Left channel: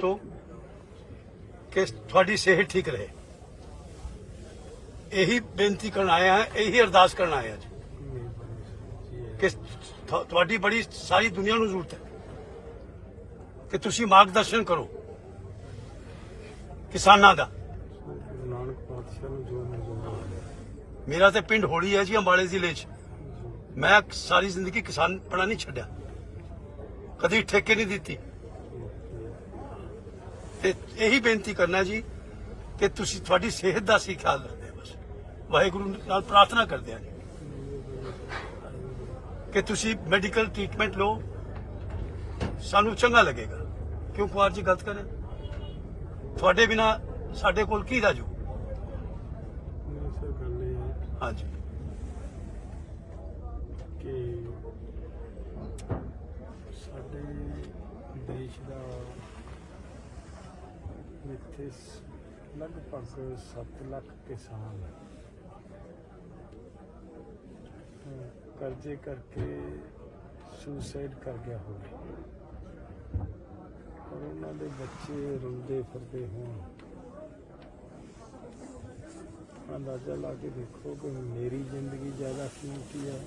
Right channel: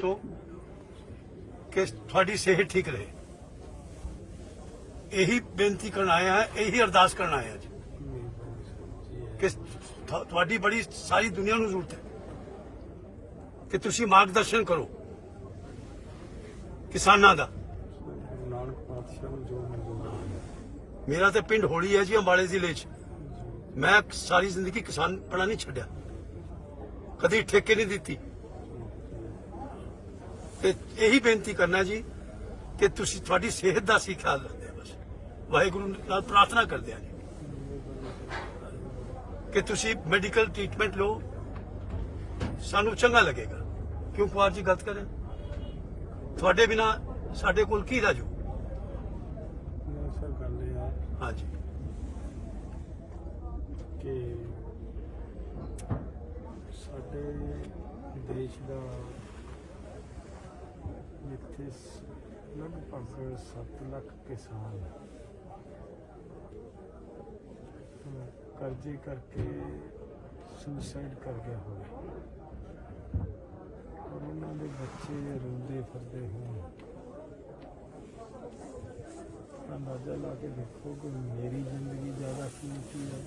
ਤੋਂ ਕਿ ਤੁਹਾਡੀ ਸਿਹਤ ਠੀਕ ਰਹੇ ਇਹੀ ਬੇਨਤੀ ਕਰਨ ਆਇਆ ਹੈ ਇਹੀ ਅਰਦਾਸ ਕਰਨ ਆਇਆ ਆ ਕਿ ਤੁਹਾਡੀ ਬੜੀ ਸਾਰੀ ਦੁਨੀਆ ਨੂੰ ਜ਼ਰੂਰਤ ਹੈ ਕਿ ਤੁਸੀਂ ਮਾਰਗਦਰਸ਼ਨ ਕਰੋ ਕਿਸਾਨਾਂ ਦਾ ਮੇਰਾ ਤੇ ਪਿੰਡ ਹੋੜੀ ਹੈ ਜੀ ਅੰਬਾਲੇ ਜ਼ਿਲ੍ਹੇ 'ਚ ਮੈਂ ਸਾਰੀ ਜ਼ਿੰਦਗੀ ਕਿਸਾਨ ਪੜਾ ਨਹੀਂ ਛੱਡਿਆ ਕਦੀ ਠੇਕੇ ਨਹੀਂ ਦਿੱਤੀ ਤੇ ਇਹੀ ਬੇਨਤੀ ਕਰਨਾ ਜੀ ਕਿ ਤੁਸੀਂ ਤੁਹਾਡੀ ਸਿਹਤ ਦਾ ਸੀ ਖਿਆਲ ਰੱਖਦੇ ਵਾਹਿਗੁਰੂ ਨਾਲ ਪ੍ਰਾਰਥਨਾ ਕਰਦੇ ਆ ਕਿ ਤੁਸੀਂ ਮੈਡੀਕਲ ਟ੍ਰੀਟਮੈਂਟ ਲਓ ਸਾਨੂੰ ਚੰਗਾ ਲੱਗੇਗਾ ਕਿਉਂ ਕੁਆਰ ਜੀ ਗਲਤ ਕਰੇ ਤੁਹਾਡੇ ਬਿਨਾ ਸਾਡੇ ਕੋਲ ਕੀ ਰਾਜੂ ਹਾਂਜੀ ਕਿ ਸਾਡੇ ਦੇਸ਼ ਦਾ ਜਿੱਥੇ ਲਗਭਗ 7 ਲੱਖ ਕਿਸਾਨ ਕਰਜ਼ੇ ਕਰਕੇ ਸੁਸਾਈਡ ਕਰ ਗਿਆ ਹੋਵੇ ਪਰ ਉਹਨਾਂ ਦੇ ਬੱਚੇ ਰੋਂਦੇ ਫਿਰਦੇ ਹੋਣ ਅੰਦਾਜ਼ਾ ਲਾ ਕੇ ਦੇਖੋ ਕਿ ਮੇਰੀ ਜ਼ਿੰਦਗੀ ਜ਼ਿਆਦਾ ਕੀਮਤੀ ਹੈ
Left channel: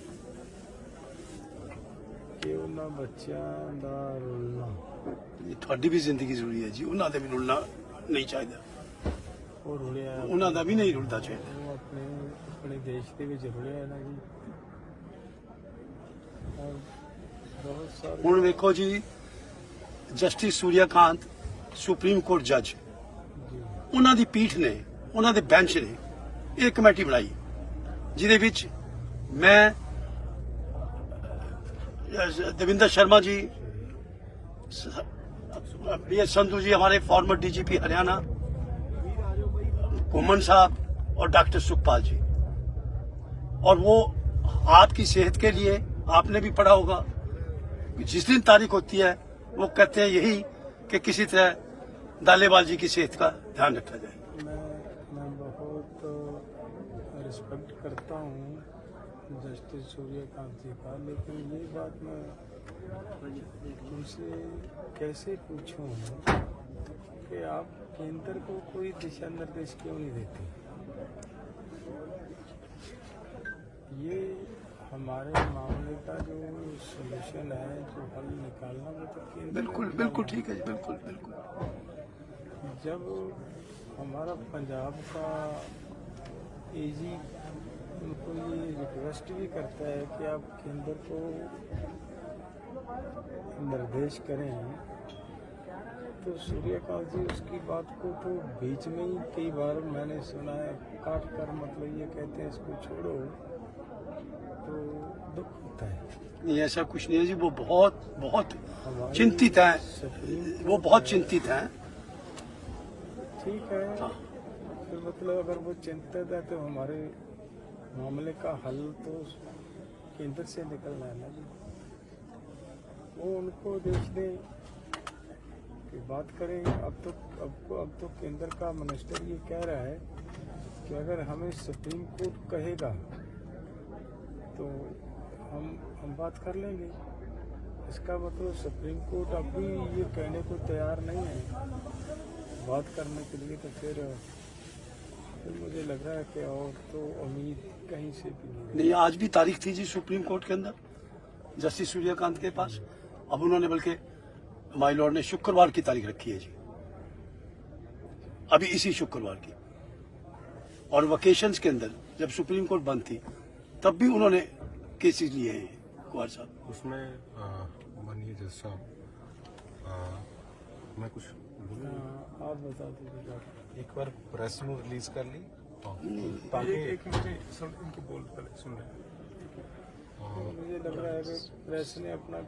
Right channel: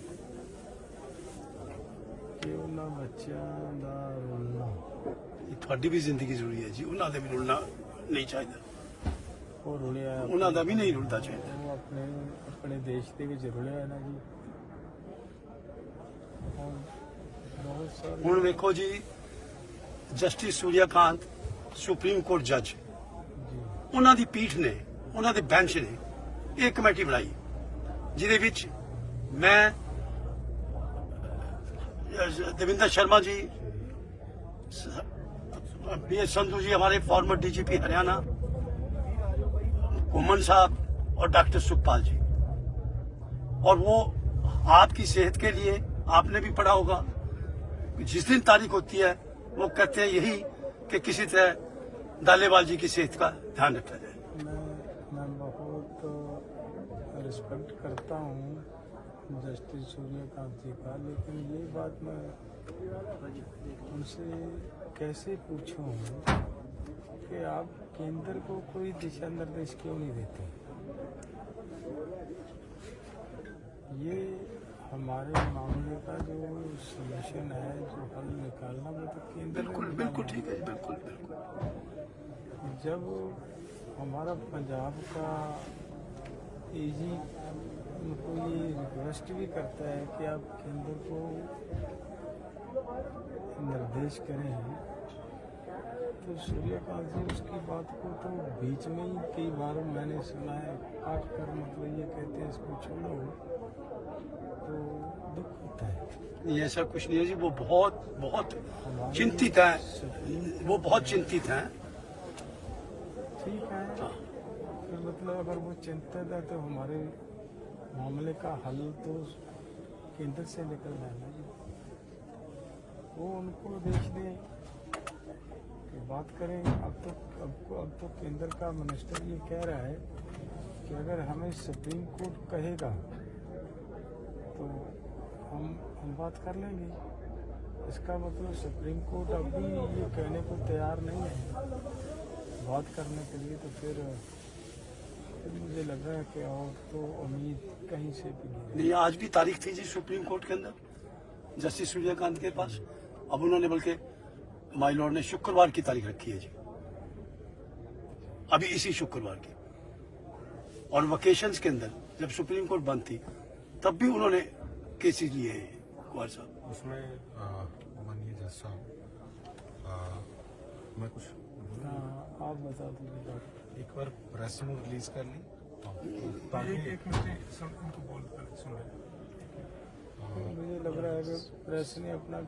ਕਿ ਉਹਨਾਂ ਬੱਚਿਆਂ ਦਾ ਰੋਣਾ ਤੁਹਾਡੀ ਵੀ ਜ਼ਿੰਦਗੀ ਜ਼ਰੂਰੀ ਹੈ ਜੀ ਉਹਨਾਂ ਦੇ ਵੀ ਰੋਣਾ ਨਹੀਂ ਚਾਹੀਦਾ ਉਹ ਰੁਲਿਆ ਉਹਨਾਂ ਦਾ ਵੀ ਨਹੀਂ ਰੁਲਦਾ ਚਾਹੀਦਾ ਆਪਣੇ ਆਪਣੇ ਦੇਸ਼ ਦੇ ਵਿੱਚ ਰੁਲਿਆ ਨਾ ਜੀ ਬਹੁਤ ਸਾਰੇ ਹੁਣ ਵੇਖੋ ਜੀ ਜਸਟਿਸ ਸੂਰਿਆਕਾਂਤ ਸੁਪਰੀਮ ਕੋਰਟ ਜੱਜ ਉਹਨਾਂ ਦੀ ਪੀਠ ਨੇ ਉਹਨਾਂ ਦੇ ਬੈਂਚ ਨੇ ਇਹ ਕਮੇਟੀ ਬਣਾਈ ਜਿਹਦੇ ਵਿੱਚ ਮੈਂ ਦੇਵਿੰਦਰ ਸ਼ਰਮਾ ਜੀ पी एस संधु जी हमारे फॉर्मर डीजीपी हरियाणा घुमन साहब और डॉक्टर सुखपाल जी और वो आपकी सेहत के लिए आपने भी पढ़ा होगा जिस दिन तारीख होती है वो कहते हैं यही कि किसी तरह दालेवाल जी की सेहत का ध्यान रखा जाए मैं बहुत रिस्पेक्ट करता हूँ जस्टिस सूर्यकांत जी का लेकिन ये बात मैं उनसे कैसे पूछूं कि आप केंद्र को कोई दिशा निर्देश क्यों नहीं देते ये हमारे मामले का जो सोल्यूशन है जो हल निकालना वो तो केंद्र बिल्कुल बिल्कुल ठीक है बिल्कुल बिल्कुल जब हमारा पंजाब का एजी उनको ये रिक्वेस्ट भी करता है कि आप केंद्र को निर्देश करे हैं तो सूर्यकांत जी उसकी बात को तो बीच में ही कई बार मैंने सुना है काट कर मतलब ये कहते हैं इसको छोड़ो तो दुख होता है नहीं ऐसा कुछ नहीं है जी वो बहुत बहुत चिंतित है वो बहुत चिंतित है ठीक है हाँ। तो मतलब अगर वो चिंतित है तो हमारे मामले का हल तो केंद्र से निकलना है ना जी वो उनको दे कि बात करें अब तो अब अब तो केंद्र का मिनिस्टर ये कह रहा है कि अगर हमें सुप्रीम कोर्ट कहेगा तो हम हम बात कर लेंगे इसका मतलब सुप्रीम कोर्ट अब भी ये कहने को तैयार नहीं है बात करने के लिए तो फिर फिर मुझे लग रहा है कि और तो उम्मीद कहीं से भी नहीं आज भी तारीख थी जी सुप्रीम कोर्ट के अंदर जस्टिस सूर्यकांत के पास अब उन्होंने बल्कि माई लॉर्ड ने शुक्रवार की तारीख रखी है जी अभी इसी शुक्रवार की और वकेशन के अंदर जब सुप्रीम कोर्ट बंद थी तब भी उन्होंने केसेस लिए हैं कुमार साहब उसमें माननीय जज साहब मैं कुछ आप बता दीजिए एक बार प्रेस में रिलीज कर ली तो ताकि एक मिनट सुन बोल सुन मुझे लग रहा है प्रेस ने अपना